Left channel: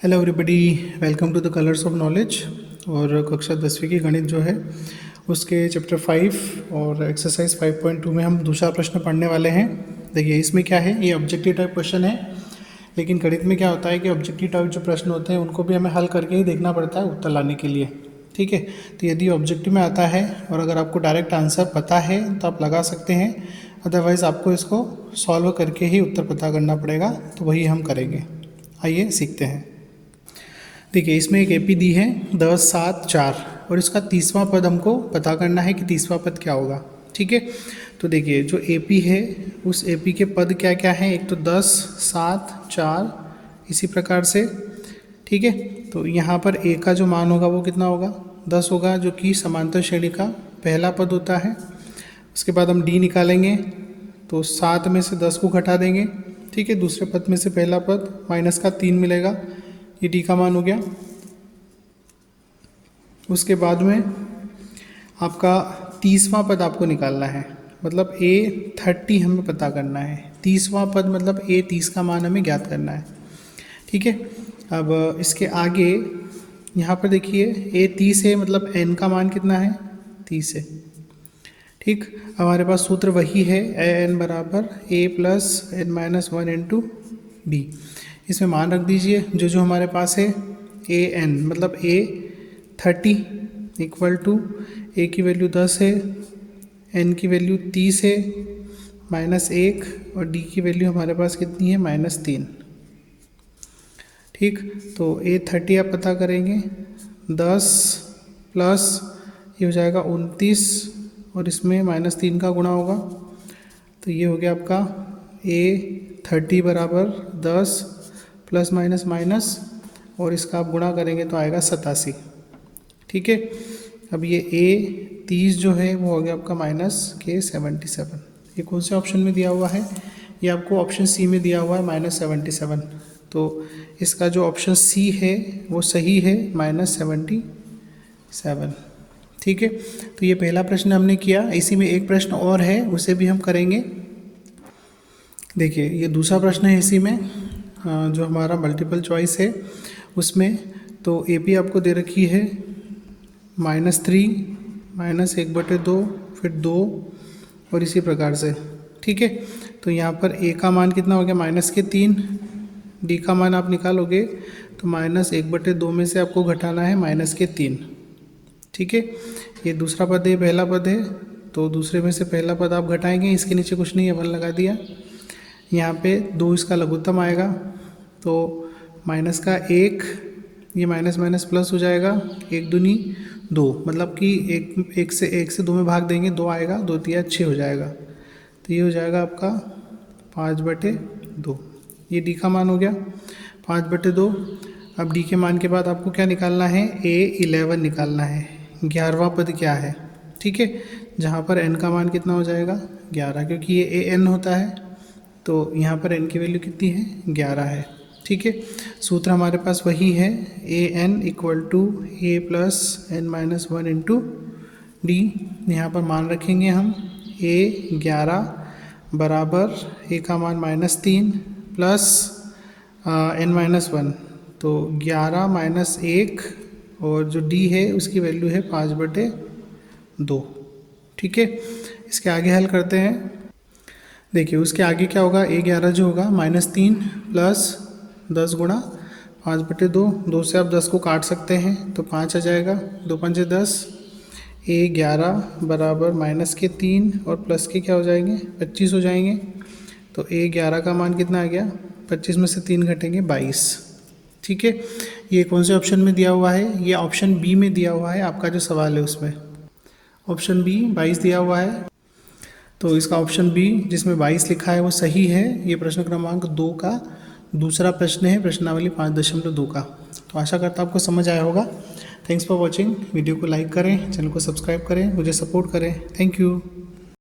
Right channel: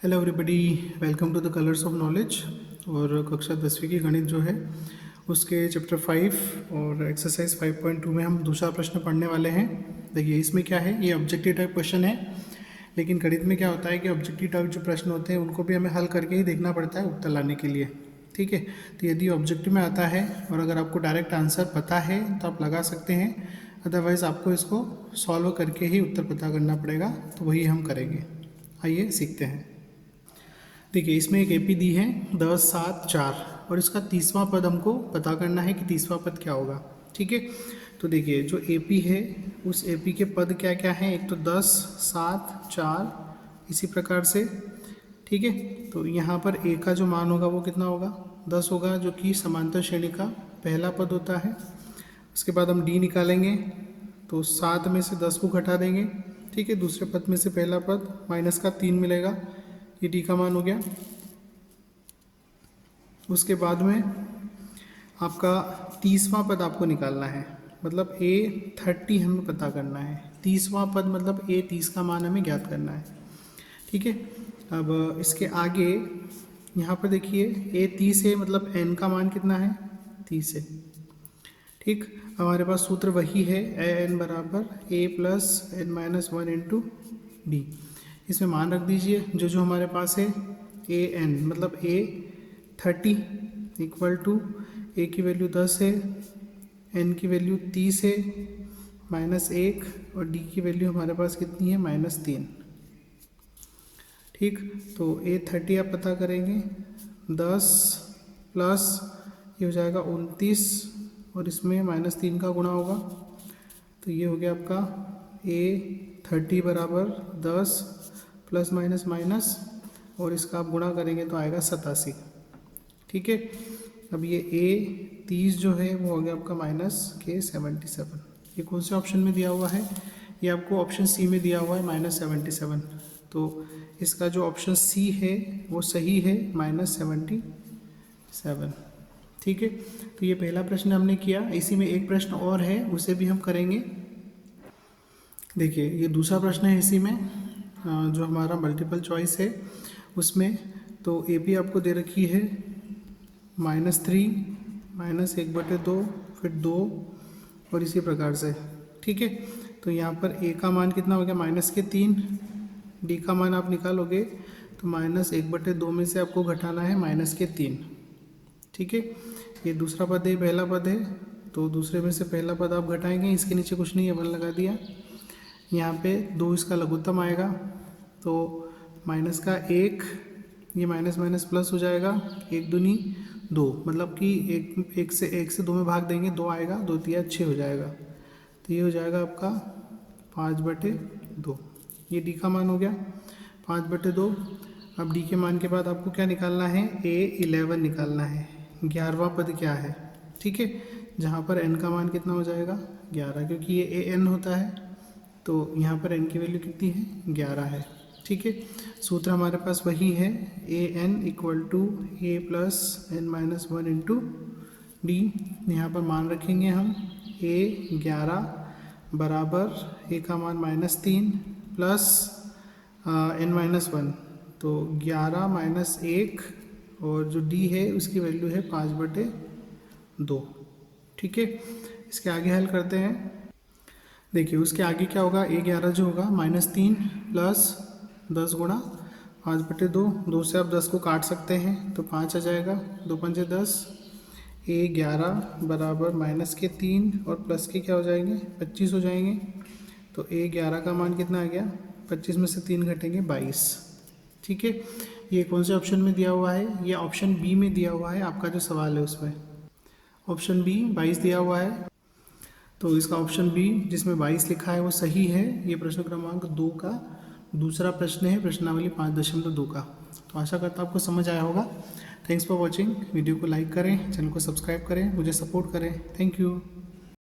Hello everybody, welcome to the colours of knowledge. और कक्षा 10वीं की गणित जो है उसके चैप्टर 5 और एक्सरसाइज 5.2 में हम दूसरा प्रश्न पढ़ने वाले हैं। देखिए इसमें क्या है, ये ऑब्जेक्टिव टाइप क्वेश्चन है, लेकिन गणित में क्या होता है कि ऑब्जेक्टिव टाइप जो प्रश्न होते हैं उनको भी हमें हल करके ही देखना पड़ता है उत्तर लाने के लिए। ठीक है, तो यदि ऑब्जेक्टिव में आता है और अगर आपको डायरेक्ट आंसर पता है तो आप लगा सकते हैं, अदरवाइज़ आपको इसको सॉल्व करके ही उत्तर पता करना पड़ेगा। तो वही हम करेंगे, आइए सीखते हैं। देखिए इसमें एक एपी दी है 10, 7, 4 और इसका तीसवां पद हमको पता करना है कि तीसवां पद क्या होगा। ठीक है, तो देखिए जो एपी है उस एपी के पद क्या क्या हैं, एक तो 10, 7, 4 इसी प्रकार से। ठीक है, तो यहाँ पर ए का जो मान होगा वो कितना होगा, 10 होगा, जो कि समांतर श्रेणी का पहला पद होता है। उसके बाद हम डी निकालेंगे तो 7 में से 10 को घटा देंगे। ठीक है, दूसरे पद में से पहला पद माइनस का 3 मिलेगा, ये डी का मान हो गया। उसके बाद में आपका तीसवां पद आपको निकालना है, मतलब A30 हमें पता करना है। तीसवां पद मतलब A30 का मान हमें ज्ञात करना है। ठीक है, अब इसके आगे यहाँ पर देखिए A30 है, मतलब n का मान कितना है, 30 है। ठीक, हमारे पास सूत्र वही है, an बराबर a plus n minus 1 into D. इसमें मान रख दीजिए जो हमारे पास है, an मतलब A30 इक्वल टू a की वैल्यू 10 है, n की वैल्यू 30 है, -1 और d की वैल्यू हमारे पास कितनी है, -3। ठीक, तो A30 आप पता करेंगे, 10 प्लस ये हो जाएगा 29 और इसमें -3 का गुणा होगा, तो ये हो गया आपका A30 बराबर 10 प्लस माइनस माइनस और इसका आप गुणा करेंगे तो आएगा 87। ठीक है, अब ये A30 जो है वो हो गया आपका -77। ये कौन से ऑप्शन में दिया हुआ है, ये आपको ऑप्शन सी में दिया हुआ है -77। तो इसका जो ऑप्शन सी है वो सही है, -77। ठीक है, तो ये पहला प्रश्न हमने किया। इसी में एक प्रश्न और है, उसे भी हम करेंगे। देखिए ये दूसरा प्रश्न है इसी में, जो हमारा मल्टीपल चॉइस है उसमें। तो एपी आपको दे रखी है -3 -1/2 फिर 2 और इसी प्रकार से। ठीक है, तो यहाँ पर ए का मान कितना हो गया, -3, डी का मान आप निकालोगे तो -1/2 में से आपको घटाना है -3। ठीक है, ये दूसरा पद है, पहला पद है, तो दूसरे में से पहला पद आप घटाएंगे, इसके नीचे कुछ नहीं है, 1 लगा दिया। यहाँ पे 2 इसका लघुत्तम आएगा, तो माइनस का 1, ये माइनस माइनस प्लस हो जाएगा, 1 दूनी 2, मतलब कि एक से 2 में भाग देंगे, 2 आएगा, 2 तिया 6 हो जाएगा, तो ये हो जाएगा आपका 5/2। ये डी का मान हो गया 5/2। अब डी के मान के बाद आपको क्या निकालना है, A11 निकालना है, 11वां पद क्या है। ठीक है, जहाँ पर n का मान कितना हो जाएगा, 11, क्योंकि ये an होता है, तो यहाँ पर n की वैल्यू कितनी है, 11 है। ठीक है, सूत्र हमारे पास वही है, an equal to a plus n minus 1 into D. यहाँ पर मान रखेंगे हम A11 बराबर a का मान -3 प्लस n माइनस 1, तो 11 - 1 और जो d है उसकी वैल्यू है 5/2। ठीक है, इसके आगे हल करते हैं। देखिए उसके आगे क्या होगा, A11 जो होगा -3 प्लस 10 गुणा 5/2, 2 से आप 10 को काट सकते हैं तो 5 आ जाएगा, 2 पंजे 10। A11 बराबर -3 और प्लस के क्या हो जाएंगे, 25 हो जाएंगे। तो A11 का मान कितना आ गया, 25 में से 3 घटेंगे 22। ठीक है, ये कौन से ऑप्शन में दिया हुआ है, ये ऑप्शन बी में दिया हुआ है, आपका जो सवाल है उसमें ऑप्शन बी 22 दिया हुआ है। तो इसका ऑप्शन बी जिसमें 22 लिखा है वो सही है। ये प्रश्न क्रमांक 2 का दूसरा प्रश्न है, प्रश्नावली 5.2 का। तो आशा करता हूँ आपको समझ आया होगा। Thanks for watching. वीडियो को लाइक करें, चैनल को सब्सक्राइब करें, मुझे सपोर्ट करें। Thank you.